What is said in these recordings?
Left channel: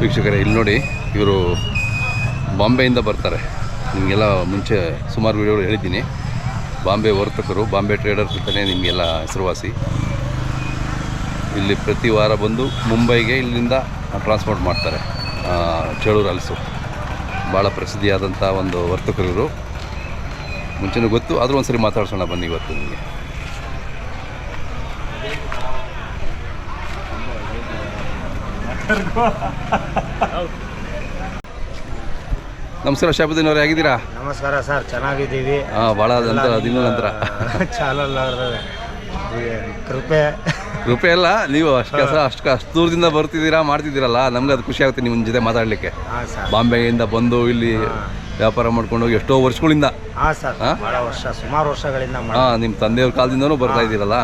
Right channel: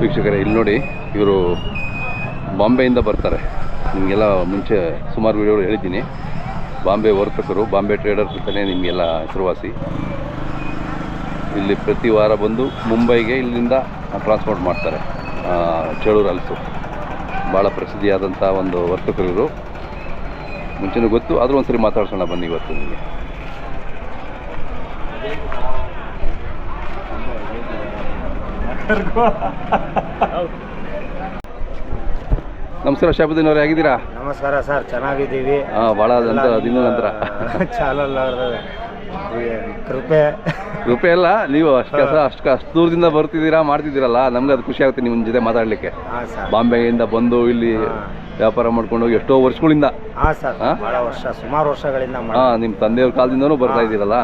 ವೀಕ್ಷಕರೇ ಇಲ್ಲಿ ನೋಡಿ, ಇವರು ಬಾಂಬೆಯಿಂದ ಬರ್ತಾರೆ. ನಿಮಗೆಲ್ಲ ಮುಂಚೆ ಸುಮಾರು ವಿಡಿಯೋಗಳು ಹೇಳಿದ್ದೀನಿ. ಬಾಂಬೆ ವರ್ತಕರು, ಬಾಂಬೆ ಟ್ರೇಡರ್ಸ್ ಅಂತಲೇ ನಿಮಗೆಲ್ಲ ಹೆಸರುವಾಸಿ. ಇಲ್ಲಿ ಪ್ರತಿ ವಾರ ಬಂದು ಮುಂಬೈಗೆ ಇಲ್ಲಿಂದ ಟ್ರಾನ್ಸ್ಪೋರ್ಟ್ ಮಾಡ್ತಾರೆ. ಚೇಳೂರು ಹಲಸು ಭಾಳ ಪ್ರಸಿದ್ಧಿಯಾದಂಥ ಒಂದು ವರ್ತಕರು ಇವರು. ಮುಂಚೆನೂ ಗೊತ್ತು, ಆದರೂ ಒಂದು ಸರಿ ಮಾತಾಡ್ಸೋಣ ಬನ್ನಿ ಇವತ್ತು ನಿಮಗೆ. ನಮಸ್ಕಾರ ಶಾಬುದ್ದೀನ್ ಅವರೇ, ಆಗಿದ್ದೀರಾ? ನಮಸ್ಕಾರ ಸರ್, ಚೆನ್ನಾಗಿದ್ದೀವಿ. ಭಾಳ ದಿನ ನಂತರ ಚಾನಲ್ ಕೃಪೆ ಅಲ್ಲ, ನೀವು ಅಷ್ಟು ದೂರದಿಂದ ಬರ್ತಿದ್ದೀರಾ, ಮಾಡ್ತಿದ್ದೀರಲ್ಲ, ನಮ್ಗೆ ಅದು ಖುಷಿ ಆಗುತ್ತೆ ನಿಮ್ಮ ಜೊತೆ ಮಾತಾಡಲಿಕ್ಕೆ. ಬಾಂಬೆಯಿಂದ ಬಂದು ಇಲ್ಲಿ ವ್ಯಾಪಾರ ಮಾಡ್ಕೊಂಡು ಹೋಗಿ ಎಷ್ಟೋ ವರ್ಷಗಳಿಂದ. ಹಾಂ ಸರ್, ಭಾಳ ವರ್ಷ, ಸುಮಾರು ವರ್ಷಗಳಿಂದ. ನಿಮ್ಮ ತಂದೆಯವ್ರ ಕಾಲದಿಂದನೂ ಬರ್ತಾ ಇದ್ದೀರಲ್ಲ,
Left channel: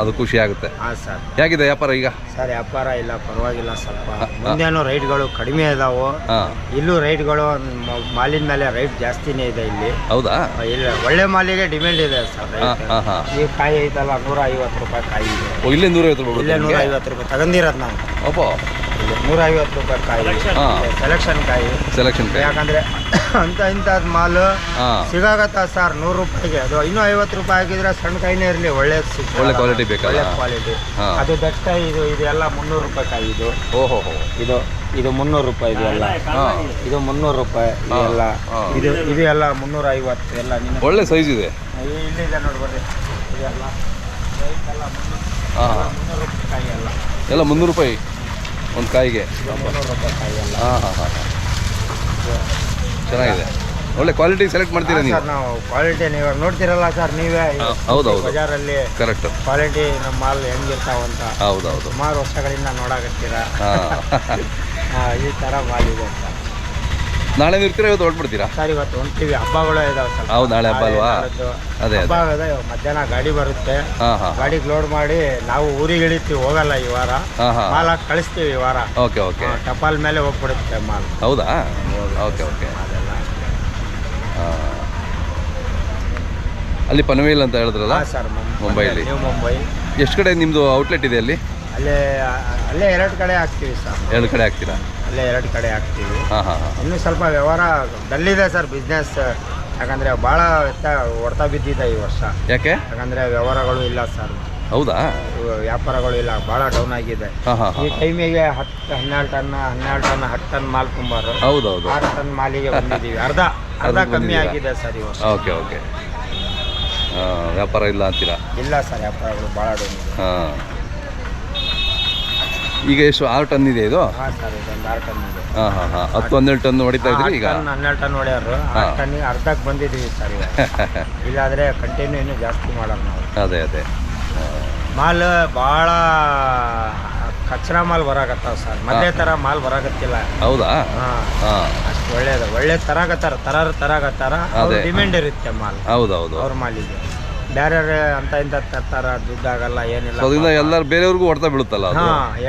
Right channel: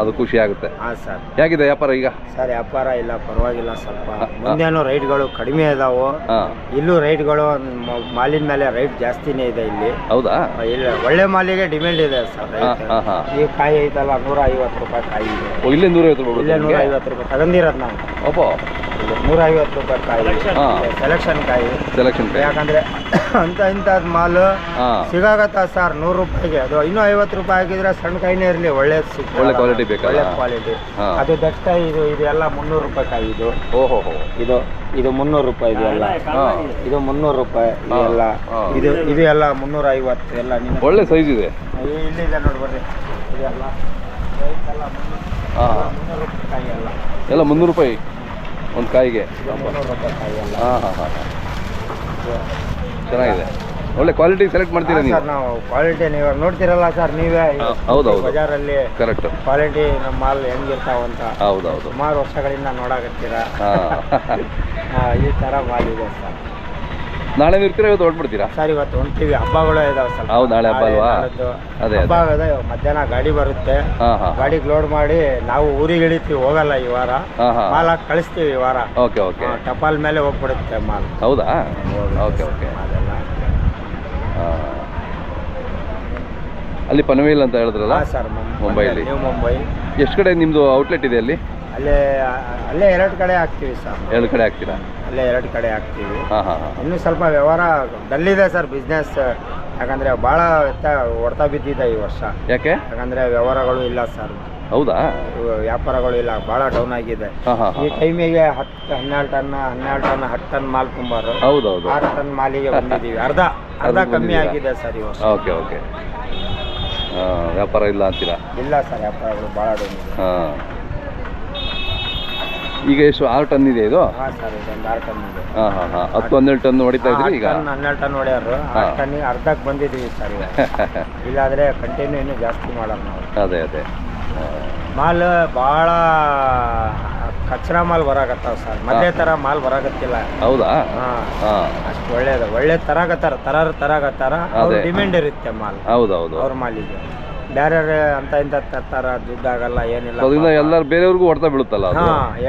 ಅದು ಖುಷಿ ಆಗುತ್ತೆ. ಹಾಂ ಸರ್. ಹೇಗಿದೆ ವ್ಯಾಪಾರ ಈಗ? ಸರ್ ವ್ಯಾಪಾರ ಇಲ್ಲ, ಪರವಾಗಿಲ್ಲ. ಸ್ವಲ್ಪ ಮುಂದೇನು ರೈಟ್ಗಳು ಕಡಿಮೆ ಇದಾವೆ. ಇಲ್ಲೂ ರೈಟ್ಗಳು ಮಾಲಿನ ಮೇಲೆ ರೈಟ್ ಜಾಸ್ತಿನೇ ಇದೆ ಇಲ್ಲಿ. ಹೌದಾ? ಇಲ್ಲ, ಒಳ್ಳೆ ಮಾಲಿಗೆ ಡಿಮ್ಯಾಂಡ್ ಇದೆ ಸರ್. ಈ ಕಾಯಿ ಐತಲ್ಲ, 150 ರೂಪಾಯಿ ಕಾಯಿ ಇದೆ. ಇಲ್ಲೇ 150 ರೂಪಾಯಿ? ಇಲ್ಲೇ 150 ರೂಪಾಯಿ ತಗೊಂಡಿರೋದು ನಾವು. ಅಪ್ಪ, 150 ರೂಪಾಯಿ ಕಾಯಿ ಸೆಲೆಕ್ಷನ್ ಕಾಯಿ. ಯಾಕಂದ್ರೆ ಇಂಥದ್ದು ಮಾಲು ಸಿಗಾಗತ್ತ ಸರ್ 100 ರೂಪಾಯಿಗೆ. ಅದು ಇನ್ನೂ 50 ರೂಪಾಯಿ ಹಾಕಿದ್ರೆ ಸಣ್ಣ ಕಾಯಿನೇ ಇರಲಿ, ಒಳ್ಳೆ ಕ್ವಾಲಿಟಿ ಬೇಕು, ಒಳ್ಳೆ ಕ್ವಾಲಿಟಿ. ಅದು ದಟ್ಟ ಇದೆಲ್ಲ 300 ರೂಪಾಯಿ ಕಾಯಿ. ಇದು ಇದು 300 ರೂಪಾಯಿ. ಇದೆಲ್ಲ ಇದು 300 ರೂಪಾಯಿ. ಇದು ಎಲ್ಲ 350 ಎಲ್ಲ. ಒಳ್ಳೆ ಸೈಜ್ ಇದೆ. ಇಲ್ಲಿದೆ ನೋಡ್ಬರ್ರಿ, ಇದೆಲ್ಲ 300 ರೂಪಾಯಿ ಕಾಯಿ ಎಲ್ಲ 300 ರೂಪಾಯಿ ಒಂದು ಕಾಯಿಗೆ. 300 ರೂಪಾಯಿ ಕಾಯಿ ಎಲ್ಲ. ಚೆನ್ನಾಗಿದೆ, ಒಳ್ಳೆ ಕ್ವಾಲಿಟಿ ಸೆಲೆಕ್ಟ್ ಮಾಡ್ತೀರಾ ನೀವು? ಸರ್ ನಾವು ಕ್ವಾಲಿಟಿ ನೀವು ನೋಡ್ತೀರಲ್ಲ ಸರ್, ನೀವೇ ಹೌದೌದು ಬಜಾರಲ್ಲಿ ಕರೆಕ್ಟ್ ಕ್ವಾಲಿಟಿ ನಮ್ಮ ಮಾಲ್ ಹೆಂಗಿರ್ತಾವಂತ. ಹೌದೌದು, ಸುಮಾರು ವರ್ಷಗಳಿಂದ ನೋಡಾಕತ್ತೀರಾ. ಈ ಥರ ಮಾಲ್ ಇದೆ ಸರ್. ನಾಳೆ ಇರ್ತೀರಾ, ಇವತ್ತು ಹೊರಟ್ಬಿಡ್ತೀರಾ? ಸರ್ ಇವತ್ತು ಹೊಂಟಿವಿ, ಹಬ್ಬಗಳು ಇದಾವೆ ಸ್ವಲ್ಪ. ಹೌದು, ನಾಳೆ ಹಬ್ಬ ಅಲ್ವಾ? ಅದೇ ಹಬ್ಬ ಇದೆ. ಮಧ್ಯಾಹ್ನ ಗಾಡಿ ಬರುತ್ತೆ, ಗಾಡಿಗೆ ಲೋಡ್ ಮಾಡಿ ನಾವು ಊರಿಗೆ ಇಳಿತೀವಿ. ಹೋಗಲ್ಲ ಈ ವಾರ, ಮಾಲ್ ಹಾಕಿ ಕಳಿಸ್ತೀವಿ ಈ ವಾರ. Okay okay. ಟಪಾಲ್ ಮೇಲೆ ಹೋಗ್ಬಿಡುತ್ತೆ ಮಾಲ್. ಹೌದಾ? Okay okay. ಅದೆಲ್ಲ ಅಲ್ಲಿ ಪನವೇಲ್ ಅಂತ ಹೇಳಿದ್ರಲ್ಲ ಸರ್, ಮುಂಬೈಲಿ. ನ್ಯೂ ಮುಂಬೈ. ಎಷ್ಟು ಕಡೆ ನಿಮ್ಮದು ಔಟ್ಲೆಟ್ ಇದೆ ಅಲ್ಲಿ? ಅಲ್ಲೇ 2 ಕಡೆ ಹಾಕ್ತೀವಿ ಸರ್. 2 ಕಡೆ ಹಾಕ್ತೀರಾ? ಅಲ್ಲೇ 2 ಕಡೆ ಹಾಕ್ತೀವಿ. ಹಾಂ. ಇನ್ನೂ ಸ್ವಲ್ಪ ವ್ಯವಹಾರ ಡಲ್ಲಿದೆ ಸರ್, ಬಿಸ್ನೆಸ್. ಯಾಕಂದರೆ ಭಾಳ ಹೊಡ್ತಾ ಬಿದ್ದಿದೆ ಈ ವರ್ಷ. ಯಾಕೆ? ಯಾಕಂದರೆ ವ್ಯವಹಾರಗಳು ಇಲ್ಲ ಸರ್. ಹೌದಾ? ವ್ಯಾಪಾರಗಳು ಇಲ್ಲ, ಭಾಳ ಡೌನ್ ಆಗಿದೆ. ಈ ಟೈಮಿಗೆ 12 ಟನ್ 10 ಟನ್ ಮಾಲ್ ತುಂಬಾರು. ಹೌದೌದು. 6 ಟನ್ ಮಾಲಿಗೆ ಬಂದಿದ್ದೀವಿ. ಅರ್ಧ ಕಮ್ಮಿ ಆಗಿದೆ ಸರ್ ಈ ವರ್ಷ. Okay okay. ವ್ಯಾಪಾರ ಇಲ್ಲ ಅಂತೀರಾ? ಇಲ್ಲ ಸರ್, ವ್ಯಾಪಾರಗಳು ಭಾಳ ಡೌನ್ ಇದೆ. ಈಗ ಎಷ್ಟು 6 ಟನ್ ಇದೆ ಇದು? ಹಾಂ ಸರ್, ಇದೊಂದು 6 ಟನ್ ಇದೆ. 10-12 ಟನ್ ಹೊಡಿತಾ ಇದ್ರಿ ಈಗ? 12 ಟನ್ ಹೊಡೆಯೋರು. 6 ಟನ್ನಿಗೆ ಅರ್ಧಕ್ಕೆ ಬಂದಿದ್ದೀವಿ ಸರ್ ಈಗ. ಇಲ್ಲಾದರೆ ಕಂಟಿನ್ಯೂ ಇನ್ನೂ ಜಾಸ್ತಿ ಮಾಡೋದು ನಾವು. ಅದೇ ಮಾಲ್ ಭಾಳ ಕಚ್ರಾ ಮಾಲ್ ಬರಾಕತ್ತಾವ ಸರ್. ಮೊದಲೇ ಥರ ಮಾಲ್ ಬರಾಕತ್ತಿಲ್ಲ. ಹೌದಾ? ಅಷ್ಟು ಒಳ್ಳೆ ತರಾಕತ್ತಾರ. ಅವ್ರ ಡಿಮ್ಯಾಂಡ್ ಇರುತ್ತೆ ಮಾಲ್. ಹೌದೌದು, ಅವ್ರ ಮಾಲಿಗೆ. ಬೇರೆ ಅಂತ ಇಂಥ ತರ್ತಾರ, ದುಡ್ಡಾಗಲ್ಲ, ಏನಿಲ್ಲ. ಎಲ್ಲರೂ ಬೇರೆಯವ್ರಿಗೂ ಹೊಡ್ತಾ ಬೀಳುತ್ತಲ್ಲ.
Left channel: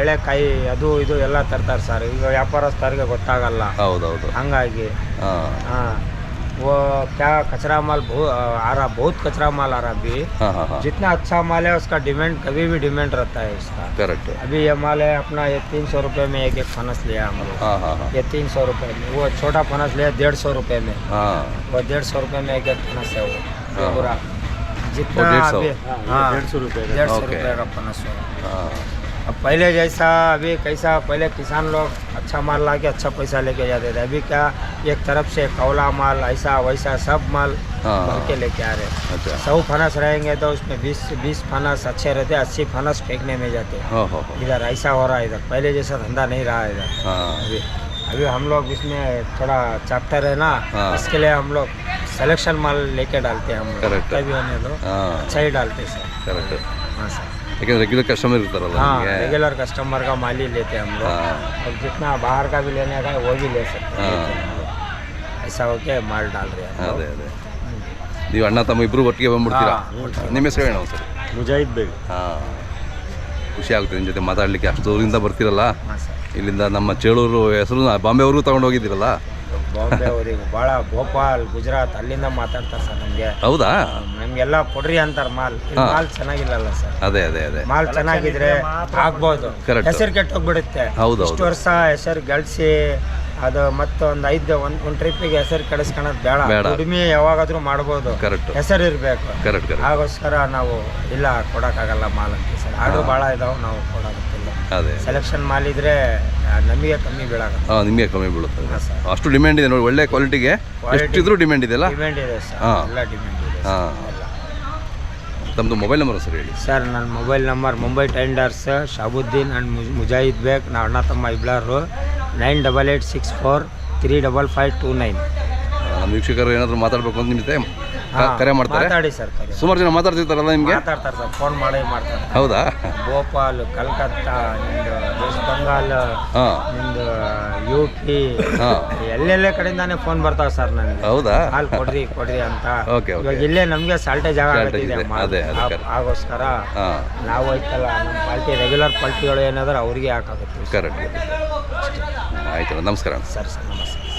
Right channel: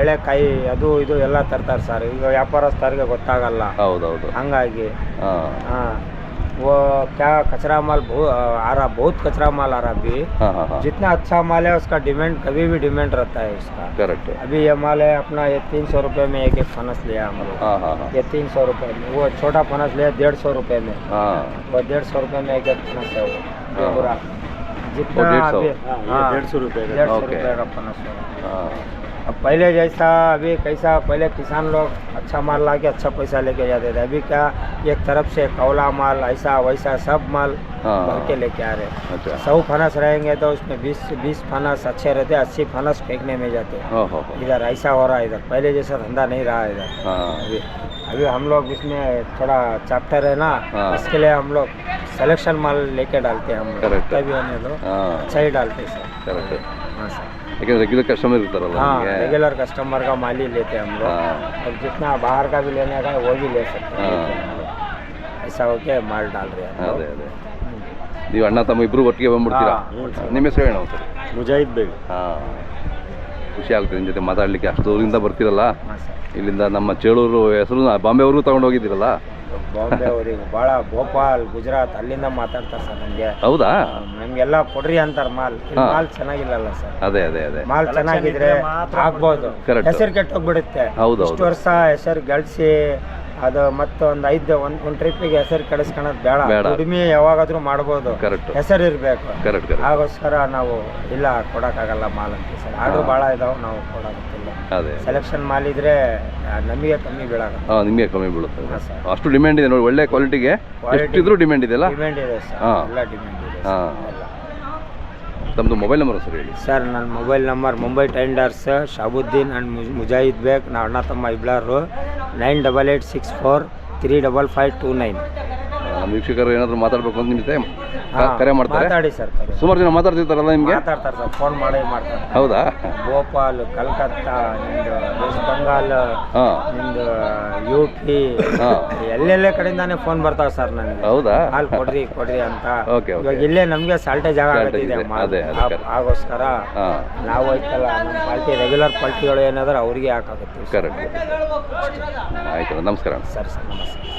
ಎಳೆಕಾಯಿ ಅದು ಇದು ಎಲ್ಲ ತರ್ತಾರೆ ಸರ್. ಈಗ ವ್ಯಾಪಾರಸ್ಥರಿಗೆ ಗೊತ್ತಾಗಲ್ಲ. ಹೌದೌದು. ಹಂಗಾಗಿ वो क्या कचरा माल बहुत कचरा माल आ रहा अभी। जितना अच्छा माल है उसका डिमांड कभी भी डिमांड रहता है उसका। करेक्ट। अभी ये माल है अपना, ये 300 रुपये में एक फनस लिया हम लोग। ये 300 रुपये में। वो छोटा फनस लिया 150 रुपये में। वो 150 रुपये में एक फनस है वो पूरा। जितना 150 रुपये का फनस है। अब पहले जैसा अभी कैसा, पहले किसान लोग अच्छा माल ला के अच्छा पैसा लेके जाते थे। अभी क्या, एक तरफ से कौला माल ऐसा वैसा सब माल भर के लेके आ रहे। 100 फनस रहेंगे तो उसमें 20 फनस अच्छे रहते, 80 फनस फेंकने में जाते। इधर ऐसा हो रहा है, इधर पहले जैसा धंधा नहीं रहा इधर। अभी हम लोग इसमें थोड़ा चैप्टर है ना, इसके लिए हम लोग सिलेक्शन माल लेके डालते हैं। हम लोग कभी होने दो, अच्छा ही डालते सर। हाँ सर, लेकिन रेगुलर कस्टमर इरतारಲ್ಲ. हाँ, रेगुलर कस्टमर का माल ही लेते हैं हम लोग। और जितना बाहर का भी लेने का है वो भी ले सकते हैं। ऐसा हो के माल डाल रहे हैं. ಅದೇ ನೀವು ಅಣ್ಣ ತಮ್ಮ ಇಬ್ಬರು ಒಟ್ಟಿಗೆ ಬಂದ್ಬಿಡ್ತೀರಾ? ನಿಮ್ಮ ಹೆಸರು ಹೇಳೋಣ ಸರ್. ಮುಜಾಹಿದ್ ಬೇಗ್. ಖುಷಿ ಆಗುತ್ತೆ ನಿಮ್ಮ ಜೊತೆ ಮಾತಾಡಲಿಕ್ಕೆ. ಅಷ್ಟು ದೂರದಿಂದ ಬರ್ತೀರಲ್ಲ, ಇಲ್ಲಿಂದ ನಮ್ಮ ಚೇಳೂರು ಹೆಸರು ಬಾಂಬೆವರೆಗೂ ತೊಗೊಂಡು ಹೋಗಿದ್ದೀರಲ್ಲ, ಬಾಂಬೆ ಅವರಿಗೆ ಭಾಳ ಭೋಪಾಲ್ ಗುಜರಾತ್ ಅಲ್ಲಿಂದ ಮಾತಾಡ್ತಾರೆ ಸರ್ ನಮಗೆ. ಹೌದಾ? ನಮಗೆಲ್ಲ ಕೊಡ್ರಿ ಅಂತಾರೆ ಮಾಲ್. ಮಾಲ್ ಚೆನ್ನಾಗಿಲ್ಲಲ್ಲ ಸರ್. ಅದೇ ಮಾಲ್ ಚೆನ್ನಾಗಿದ್ರೆ ಆಗ್ಬೋದು. ಹೆಸರು ಕೆಟ್ಟೋಗ್ಬಿಡುತ್ತೆ. ಇಷ್ಟು ವರ್ಷ ಹೆಸರು ಗಳಿಸಿ ಅದು ಮತ್ತೊಂದು ಒಂದು ಟ್ರಿಪ್ಪಿಗೆ ಹೆಸರು ಕೆಡಿಸ್ಕೊಳೋದು ಬೇಡ. ದುಡಿಮೆ ಯಾವಾಗಾದ್ರೂ ಮಾಡ್ಬೋದು, ಹೆಸರು ಇರಬೇಕು. ಹಾಗೋಸ್ಕರ ನಾವು ಇಲ್ಲ ಕೊಡೋಕ್ಕಾಗಲ್ಲ ಮಾಲ್ ಅಂತ ಸರ್. ಆರ್ಡ್ರ್ ಭಾಳ ಇದಾವೆ, ನಾವು ಕೊಡೋಕ್ಕಿಲ್ಲ. ಸೆಲೆಕ್ಷನ್ ಮಾಲ್ ಇದ್ರೆ ನಮಗೆ ಕಮ್ಮಿ ಬೀಳಾಗುತ್ತೆ. ನಿಮಗೆ ಕಮ್ಮಿ ಬೀಳುತ್ತೆ ಸರ್. ಅಷ್ಟು ಡಿಮ್ಯಾಂಡ್ ಇದೆ ನೋಡಿ, ಒಳ್ಳೆ ಕ್ವಾಲಿಟಿಗೆ ಎಷ್ಟಿದ್ರೂ ಡಿಮ್ಯಾಂಡ್ ಇದೆ. ಡಿಮ್ಯಾಂಡ್ ಇದೆ ಸರ್, ಎಲ್ಲ ಡಿಮ್ಯಾಂಡ್ ಇದೆ. ತಮ್ಮದು ಮೊಬೈಲ್ ನಂಬರ್ ಸರ್ ಹೇಳಿ. ಸರ್ ನನ್ನ mobile number Mumbai tenders Shabuddin and Mujahid Baig, ನಾವು ಅಣ್ಣ ತಮ್ಮ ಇಬ್ಬರು. 9884 ನಮ್ಮ ವೀಕ್ಷಕರು ಏನಾದರೂ ಮಾತಾಡಬೇಕು ಅಂತ ನಿಮಗೆ ಕರೆ ಮಾಡ್ತಾರೆ? ಮಾತಾಡಿ ಸರ್. ಸುಮಾರು ಜನ ಮಾತಾಡ್ತಿರ್ತಾರಲ್ಲ ನಿಮಗೆ? ಮಾತಾಡ್ತಾರೆ ಸರ್, ಫೋನ್ ಮಾಡಿ ಮಾಡ್ತಾರೆ. ಹೌದಾ? ಭೋಪಾಲ್, ಕಲ್ಕತ್ತಾ, ನಿಮ್ದು ವೆಸ್ಟ್ ಬೆಂಗಾಲ್, ನಿಮ್ದು UP, ಎಲ್ಲೆಲ್ಲ ಕಡೆಯಿಂದಾನೆ ಫೋನ್ ಬರ್ತಾವೆ ಸರ್ ನನಗೆ. ಹೌದಾ? ಹಾಲು ಕೊಡ್ರಿ ಅಂತ. ಇವಾಗ ಇಲ್ಲೇ ನಮಗೆ ಸಾಲ್ಟೇಜ್ ಆಗೋದಿದೆ. ಆಗೋಸ್ಕರ ನಾವು ಐತಲ್ಲ ನಮ್ಮ ಪಾರ್ಟಿ ರೆಗ್ಯುಲರ್ ಪಾರ್ಟಿಗಳು ಏನಾದ್ರೆ ಅವ್ರಿಗೆ ಹಾಕಾಗುತ್ತೆ. ಕರೆಕ್ಟ್. ಆಯ್ತು, ನಮಸ್ಕಾರ ಸರ್. ನಮಸ್ಕಾರ.